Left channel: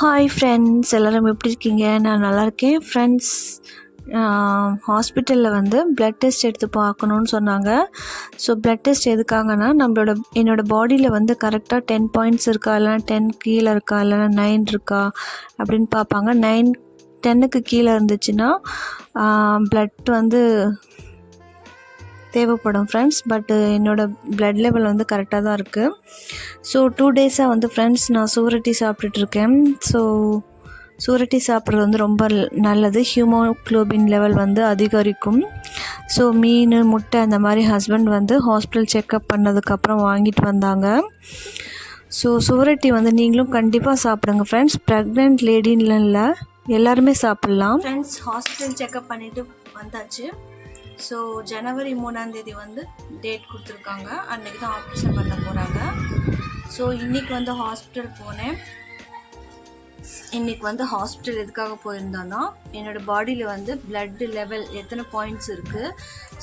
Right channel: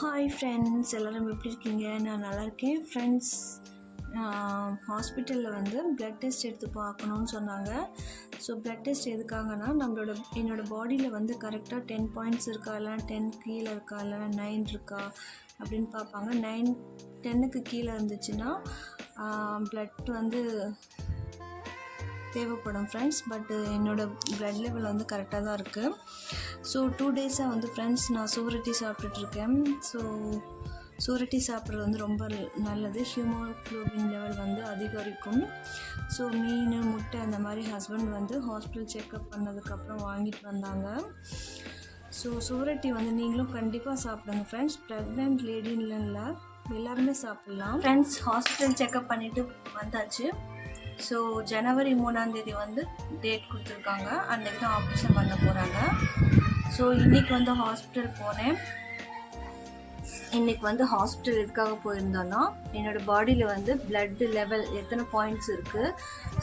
Hi friends, எல்லோரும் எப்படி இருக்கீங்க? நான் நல்லா இருக்கேன் ஃப்ரெண்ட்ஸ். ஹாஸ்பிட்டலில் வந்து ப்ளட் டெஸ்ட் எடுத்து பார்க்கணுன்னு சொன்னாங்க. ஸோ ப்ளட் டெஸ்ட் எதுக்காகனா என்னோடய பாடியில் வந்து கரெக்டாக 10 பாயிண்ட்ஸ் இருக்கா, இல்லைனா 10 கீழே இருக்கா, இல்லைனா 9 இருக்கா அப்படின்னு பார்ப்பாங்க. 10க்கு கீழே இருந்துச்சுன்னா ப்ளட் வந்து தேவைப்படும் ஃப்ரெண்ட்ஸ். பட்டு என்னோடய ப்ளட் லெவல் வந்து கரெக்டாக தான் இருக்குது. ஸோ 2 டேஸாக வந்து ஃப்ரெண்ட்ஸ் நான் சுவரொட்டி சாப்பிட்டுட்ருக்கேன். ஸோ சுவரொட்டி சாப்பிட்றது வந்து ரொம்ப நல்லது. ஹீமோக்ளோபின் லெவல் வந்து அதிகரிக்கும். ஸோ மீன், முட்டை அந்த மாதிரி ஹஸ்பண்ட் வந்து ஹாஸ்பிட்டல் செக்கப் பண்ணதுக்கப்புறம் வாங்கிட்டு வந்தாங்க. ஸோ சுவரொட்டி வந்து நீங்களும் கண்டிப்பாக சாப்பிடுங்க ஃப்ரெண்ட்ஸ். ப்ரெக்னென்ட் லேடின்னு இல்லை, எல்லாருமே சாப்பிட்லாம் ஃப்ரெண்ட்ஸ். ஹாஸ்பிட்டல் செக்கப் பண்ணிவிட்டு வந்தாச்சு. ஸோ ஜனவரி 3 வந்து டேட் கொடுத்துருக்காங்க. அன்றைக்கி தான் ஆப்ரேஷன் பண்ண போகிறாங்க. ஸோ இன்றைக்கி வந்து ஹாஸ்பிட்டல் போனேன். இன்றைக்கி வந்து ஹாஸ்பிட்டல் எதுக்காக போயிருந்தோன்னா, என்னோடய பாடியில் வந்து பிளட் லெவல் எத்தனை பாயிண்ட்ஸ் இருக்குது,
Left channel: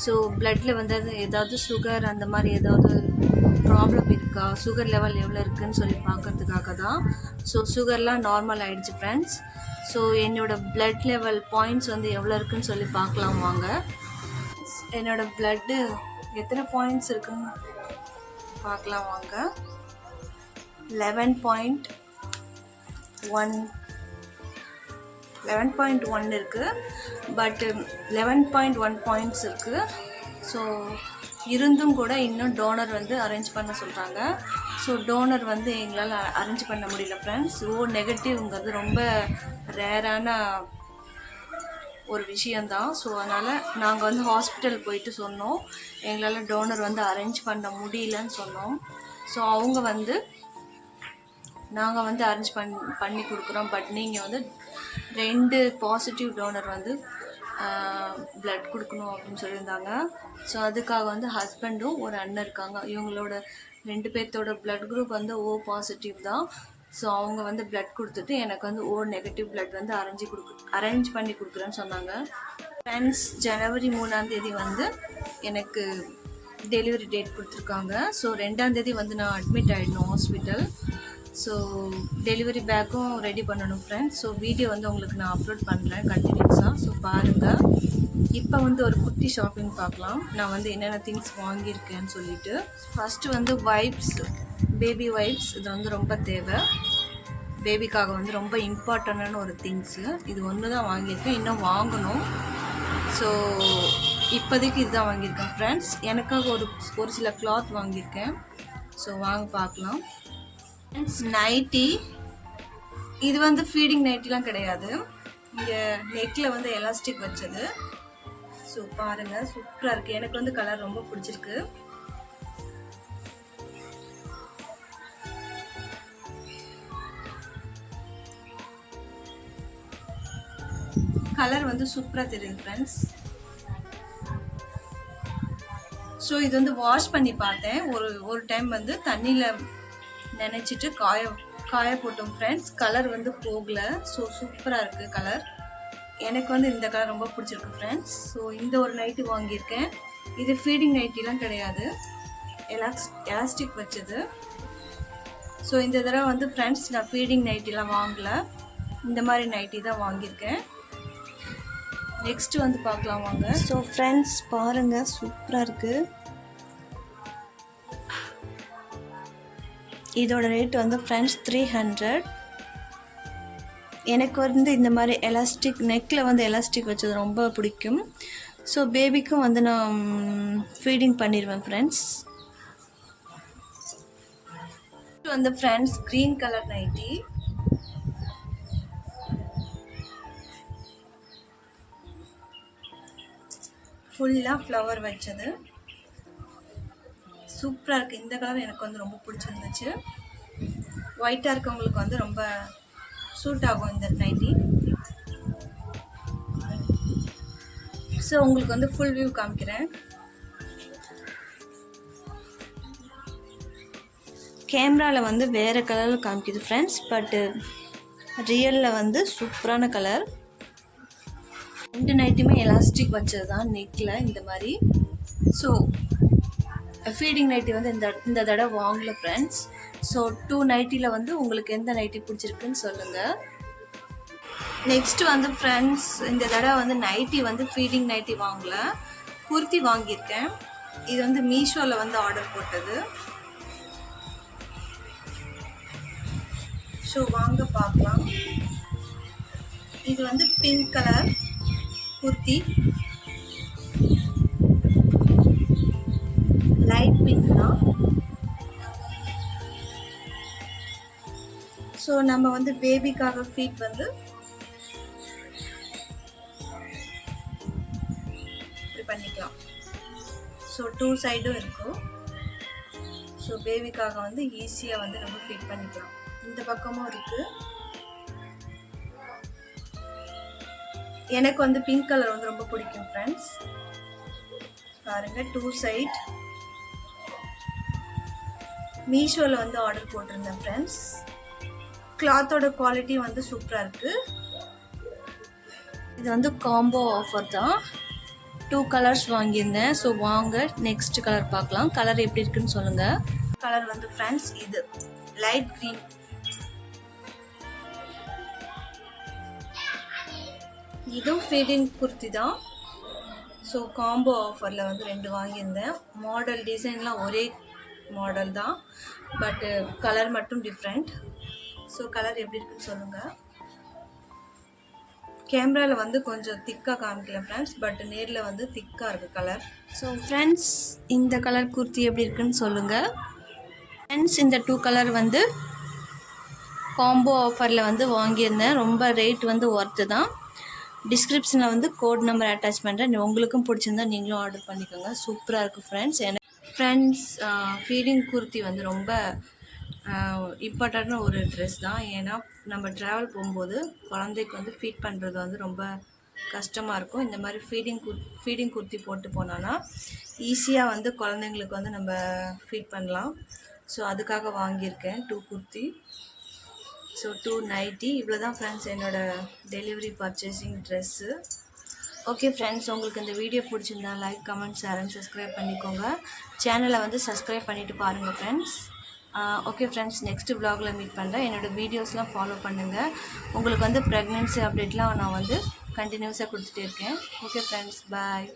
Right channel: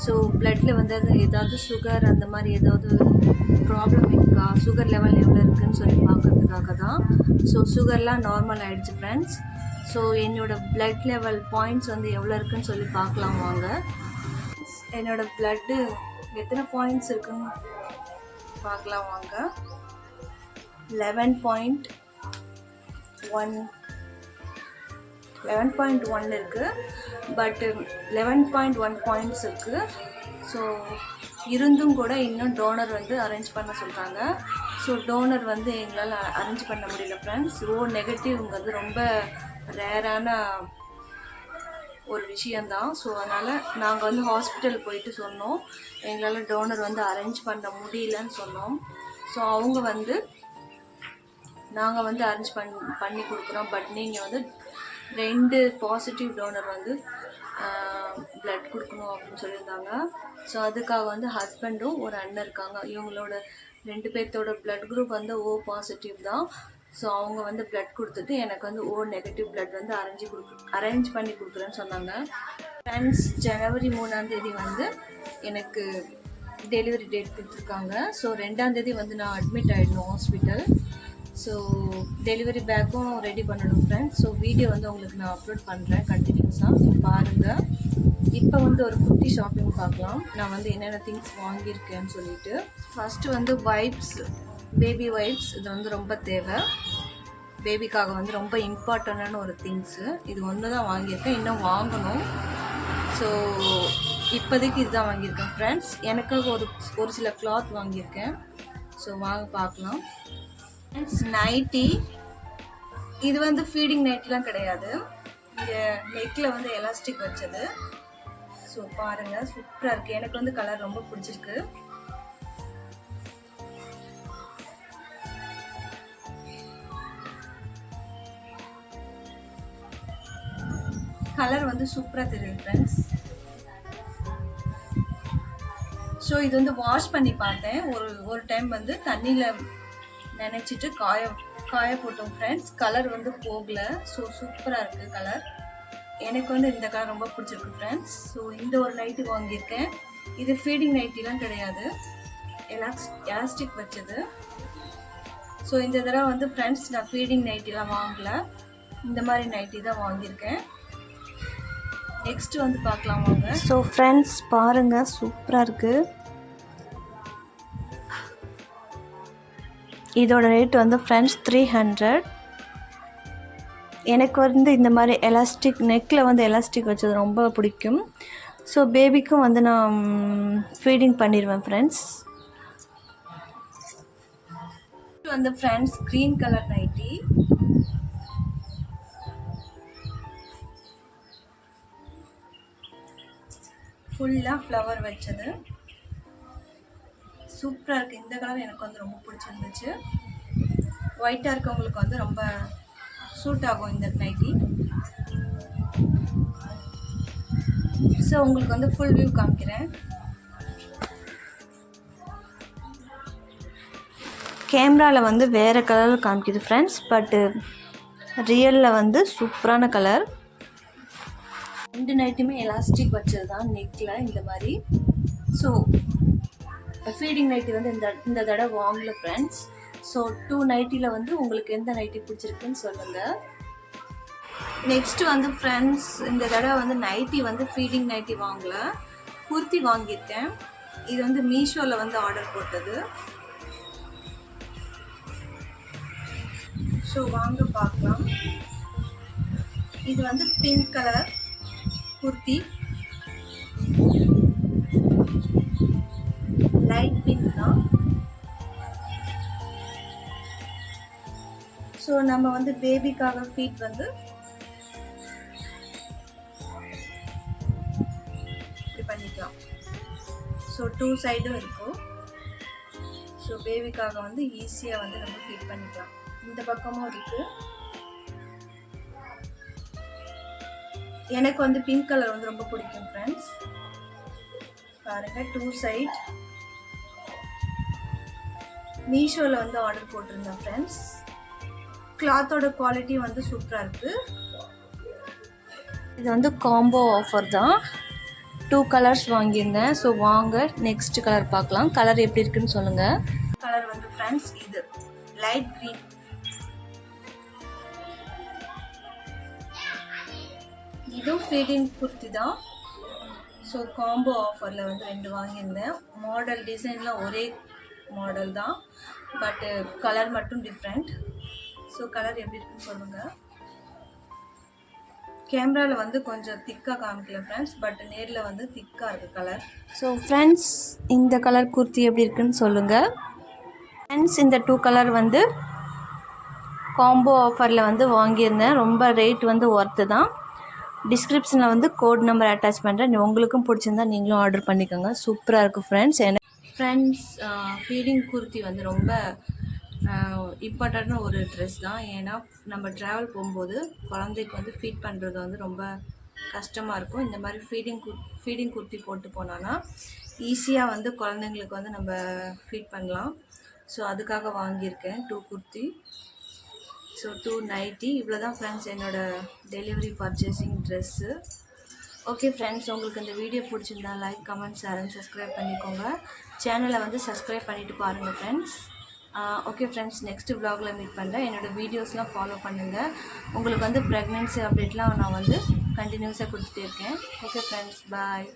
ஸோ பிளட்டில் வந்து ஏதாவது சுகர் அந்த மாதிரி ஏதாவது ப்ராப்ளம் இருக்கா, சுகர் லெவல் எவ்வளோ இருக்குதுன்னு சொல்லி பார்க்கறதுக்காக தான். ஸோ சுகர்லாம் நார்மல் ஆகிடுச்சு ஃப்ரெண்ட்ஸ். ஸோ என்னோடய பிளட் லெவல் பாயிண்ட்ஸ் வந்து எவ்வளோ இருக்குதுன்னு சொல்லி பார்க்கலாம் வாங்க. என்னோடய ப்ளட்டு எத்தனை பாயிண்ட்ஸ் இருக்குன்னு பார்க்கலாம் வாங்க. 11.1 இருக்குது. பட்டு 11.1 பாயிண்ட்ஸ் இருக்குது. ஸோ இருந்தும் கூட இன்னும் டோனர் வந்து அரேஞ்ச் பண்ண சொல்கிறாங்க. ஸோ டோனர் வந்து எங்களால் அரேஞ்ச் பண்ண முடியல ஃப்ரெண்ட்ஸ். நெகட்டிவ்ங்கிறது ரொம்ப ரேரான ஒரு விஷயந்தான். ஸோ அதனால் நாங்கள் வந்து ஹாஸ்பிட்டல் போயிட்டு சொன்னோம், எங்களால் டோனர் வந்து அரேஞ்ச் பண்ண முடியலன்னு சொன்னோம். ஸோ அவங்க வந்து நாங்கள் வந்து அரேஞ்ச் பண்ணி கொடுக்குறோம், பட் நீங்கள் வந்து 2 பாசிட்டிவ் டோனர் வந்து ப்ளட் கொடுக்கணும் அப்படின்னு சொல்லியிருந்தாங்க. ஸோ அதுக்காக வந்து ஹஸ்பண்டும் ஒரு அண்ணன் இருக்காங்க. இவங்களோட 2 பேர்த்தோட ப்ளட் குரூப் வந்து O பாசிட்டிவ் தான். ஸோ அவங்க வந்து ப்ளட் கொடுத்துட்டு எனக்கு வந்து O நெகட்டிவ் ப்ளட் வந்து அரேஞ்ச் பண்ணி கொடுக்குறேன்னு சொன்னாங்க ஃப்ரெண்ட்ஸ். ஜனவரி 3 வந்து எனக்கு டெலிவரி டேட் கொடுத்துருக்காங்க. ஸோ 2 வந்து நான் அட்மிட் ஆகிடணும் ஹாஸ்பிட்டல். ஸோ டெலிவரி பேக்கும் ரெடி பண்ணணும் ஃப்ரெண்ட்ஸ். ஸோ வீடியோ வந்து உங்களுக்கு நான் அப்லோட் பண்ணுறேன் கண்டினியூஸாக. ஸோ பாருங்கள். இப்போ வந்து ஒரு குட்டி ஷாப்பிங் பார்க்கலாம், நான் வந்து என்னென்ன திங்ஸ் வாங்கியிருக்கேன்னு சொல்லிட்டு. ஃபஸ்ட்டு வந்து வைப்ஸ், பேபி வைப்ஸ். இது வந்து ரொம்ப தேவை, பேபிக்காக வந்து ரொம்ப இம்பார்ட்டண்டான ஒரு திங்ஸு. இது ஒன்று தான் வாங்கியிருக்கேன், இன்னும் வாங்கணும். ஸோ இப்போதைக்கு இதுதான் வாங்கியிருக்கேன் ஃப்ரெண்ட்ஸ். எனக்காக ஒரு சில கிளாத் வாங்கியிருக்கேன். ஸோ வாங்க பார்க்கலாம். நைட்டி, இது வந்து ஃபீடிங் நைட்டிலாம் கிடையாது, இங்கே நெக்கில் வந்து எலாஸ்டிக் வச்சது. ஸோ பாருங்கள், சூப்பராக இருக்குது. எனக்கு வந்து கலர் ரொம்ப பிடிச்சிருக்கு. கலர் வந்து சூப்பராக தெரியுது ஃப்ரெண்ட்ஸ். ஸோ இது வந்து வாஷ் பண்ணி பார்த்தேன். ஒரு டைம் வந்து தண்ணியில் நினச்சிட்டு காய போட்டோம் ஃப்ரெண்ட்ஸ். கலர் வந்து போகலை. ஸோ சூப்பராக இருக்குது கலர். எனக்கு வந்து இந்த கலர் ரொம்ப பிடிச்சிருக்கு ஃப்ரெண்ட்ஸ். ஸோ இந்த ஒரு நைட்டி வாங்கியிருக்கேன். இது ஃபீடிங் நைட்டிலாம் கிடையாது, எலாஸ்டிக் வச்சது. ஸோ இந்த தடவை வந்து ஃப்ரெண்ட்ஸ் நான் ஃபீடிங் நைட்டிலாம் வாங்கலை, இந்த மாதிரி நைட்டி தான் வாங்கியிருக்கேன். நெக்ஸ்ட்டு வந்து பார்க்கலாம் வாங்க. ஸோ ஃப்ரெண்ட்ஸ் பாருங்கள், சூப்பராக இருக்குது. இதோட ரேட் வந்து ஃப்ரெண்ட்ஸ் 300. எனக்கு வந்து இந்த மாதிரி எலாஸ்டிக் நெக்கில் வந்து எலாஸ்டிக் வச்சது ரொம்ப பிடிக்கும். ஸோ பேபிக்கும் வந்து நான் ஃபீடிங் பண்ணிடுவேன் ஃப்ரெண்ட்ஸ். வந்து ஃப்ரெண்ட்ஸ் க்ரீன் கலர் நைட்டி. ஃபுல்லாக ஃப்ளவர் வச்சது, சூப்பராக இருக்குது. இந்த கலர் எனக்கு வந்து ரொம்ப பிடிச்சிருந்துச்சு. ஒயிட்டாக இருக்கவங்களுக்கு வந்து ரொம்ப சூட் ஆகும் இந்த நைட்டி. ஸோ உங்களுக்கு வந்து ஃபுல் வியூ காமிக்கிறேன். கேமராவில் வந்து வேறு கலரில் காமிக்குது ஃப்ரெண்ட்ஸ், பட்டு ரியலில் வந்து சூப்பரான கலர். 2 நைட்டுமே எலாஸ்டிக் வச்சது தான் நெக்கில் இந்த மாதிரி. ஸோ ஃபீடிங் நைட்டி வந்து இந்த தடவை வாங்கல ஃப்ரெண்ட்ஸ். ஸோ 2 நைட்டியில் வந்து உங்களுக்கு எந்த நைட்டி பிடிச்சிருக்குன்னு சொல்லுங்கள். நெக்ஸ்ட்டு வந்து ஃப்ரெண்ட்ஸ், இந்த தடவை வந்து நைட்டி வந்து ஃபீடிங் நைட்டி வாங்கல, குர்த்தி வாங்கியிருக்கேன். இது வந்து மீஷோவில் வந்து ஆர்டர் போட்டது. ஸோ வாங்க பார்க்கலாம். இது வந்து pink colour kurti, light pink தான். ஸோ நம்ம வந்து பேபிக்காக ஃபீட் வந்து இப்படி பண்ணிக்கலாம். ஸோ 2 சைடும் இருக்கும். ஸோ பேபிக்காக வந்து ஈஸியாக வந்து நம்ம ஃபீட் பண்ணிக்கலாம். இந்த பக்கமும் இருக்குது. எனக்கு வந்து பிங்க் கலர் வந்து ரொம்ப பிடிக்கும் ஃப்ரெண்ட்ஸ். பாருங்கள், 2 சைட். மீஷோவில் வந்து ஆர்டர் போட்டிருந்தேன் ஃப்ரெண்ட்ஸ். கிளாத்தோட குவாலிட்டி வந்து சூப்பராக இருக்குது. இது வந்து காம்போ ஆஃபர் தான். 2 கலர்ஸ் வாங்கியிருந்தேன். ஸோ வாங்க நெக்ஸ்ட் கலர் பார்க்கலாம். கலர் எப்படி இருக்குன்னு சொல்லுங்கள். கலர் வந்து ஃப்ரெண்ட்ஸ் இது லைட் க்ரீன். இதுவும் ஃபீடிங் குர்த்தி தான். ஸோ காம்போ ஆஃபரில் வந்து 2 வாங்கியிருந்தேன். மாடல் டிசைன்லாம் ஒரே மாடல் தான், பட்டு கலர் மட்டும் டிஃப்ரெண்ட். ஸோ கலர் எப்படி இருக்குன்னு சொல்லுங்கள். கேமராவில் வந்து கொஞ்சம் திக்காக காமிக்கல ஃப்ரெண்ட்ஸ், பட் நேரில் வந்து திக்காக இருக்குது கலர். ஸோ ஃப்ரெண்ட்ஸ், இந்த கலர் குர்த்தி எப்படி இருக்குன்னு சொல்லுங்கள். ஃப்ரெண்ட்ஸ், இந்த 2 கலர் வந்து காம்போ ஆஃபரில் வந்து வாங்கியிருந்தேன். ரொம்ப ரேட் வந்து ஒர்த்து தான். டிஸ்கிரிப்ஷனில் வந்து கோட் நம்பர் அட்டாச் பண்ணுறேன். உங்களுக்கும் பிடிச்சிருந்தா நீங்களும் ஆர்டர் பண்ணிக்கோங்க. சூப்பராக இருக்கும் ஃப்ரெண்ட்ஸ். ஃப்ரெண்ட்ஸ், ஃபீடிங் குர்த்தி வந்து ரொம்ப இம்பார்ட்டண்ட்டான ஒரு ட்ரெஸ் தான். ஏன்னா நம்ம ட்ராவல் போகும்போது குழந்தைக்கு வந்து ஃபீட் பண்ணுறது வந்து ரொம்ப கஷ்டமாக இருக்கும். இந்த மாதிரி ஃபீடிங் குர்த்தி போட்டு போனோன்னா ஈஸியாக வந்து குழந்தைங்களுக்கு வந்து நம்ம ஃபீட் பண்ணலாம். ஸோ அதுக்காக வாங்கியிருக்கேன் 2 குர்த்தி. So 2 nightie. இவ்வளோ தான் ஃப்ரெண்ட்ஸ் என்னோடய delivery purchasing dress. Okay friends, உங்களுக்கு இந்த வீடியோ பிடிச்சிருந்தா like, comment, share and subscribe பண்ணிக்கோங்க. சேனலை வந்து சப்ஸ்கிரைப் பண்ணிவிட்டு பாருங்கள் ஃப்ரெண்ட்ஸ். ஓகே ஃப்ரெண்ட்ஸ், நெக்ஸ்ட்டு vlogல மீட் பண்ணுறேன். என்னோடய வீடியோஸ்லாம் ஃபாலோ பண்ணுங்கள். உங்களுக்கு வந்து ப்ரெக்னென்சி அப்டேட்லாம் நான் வந்து கண்டினியூஸாக கொடுத்துட்டே இருக்கேன். ஓகே ஃப்ரெண்ட்ஸ், பாய்.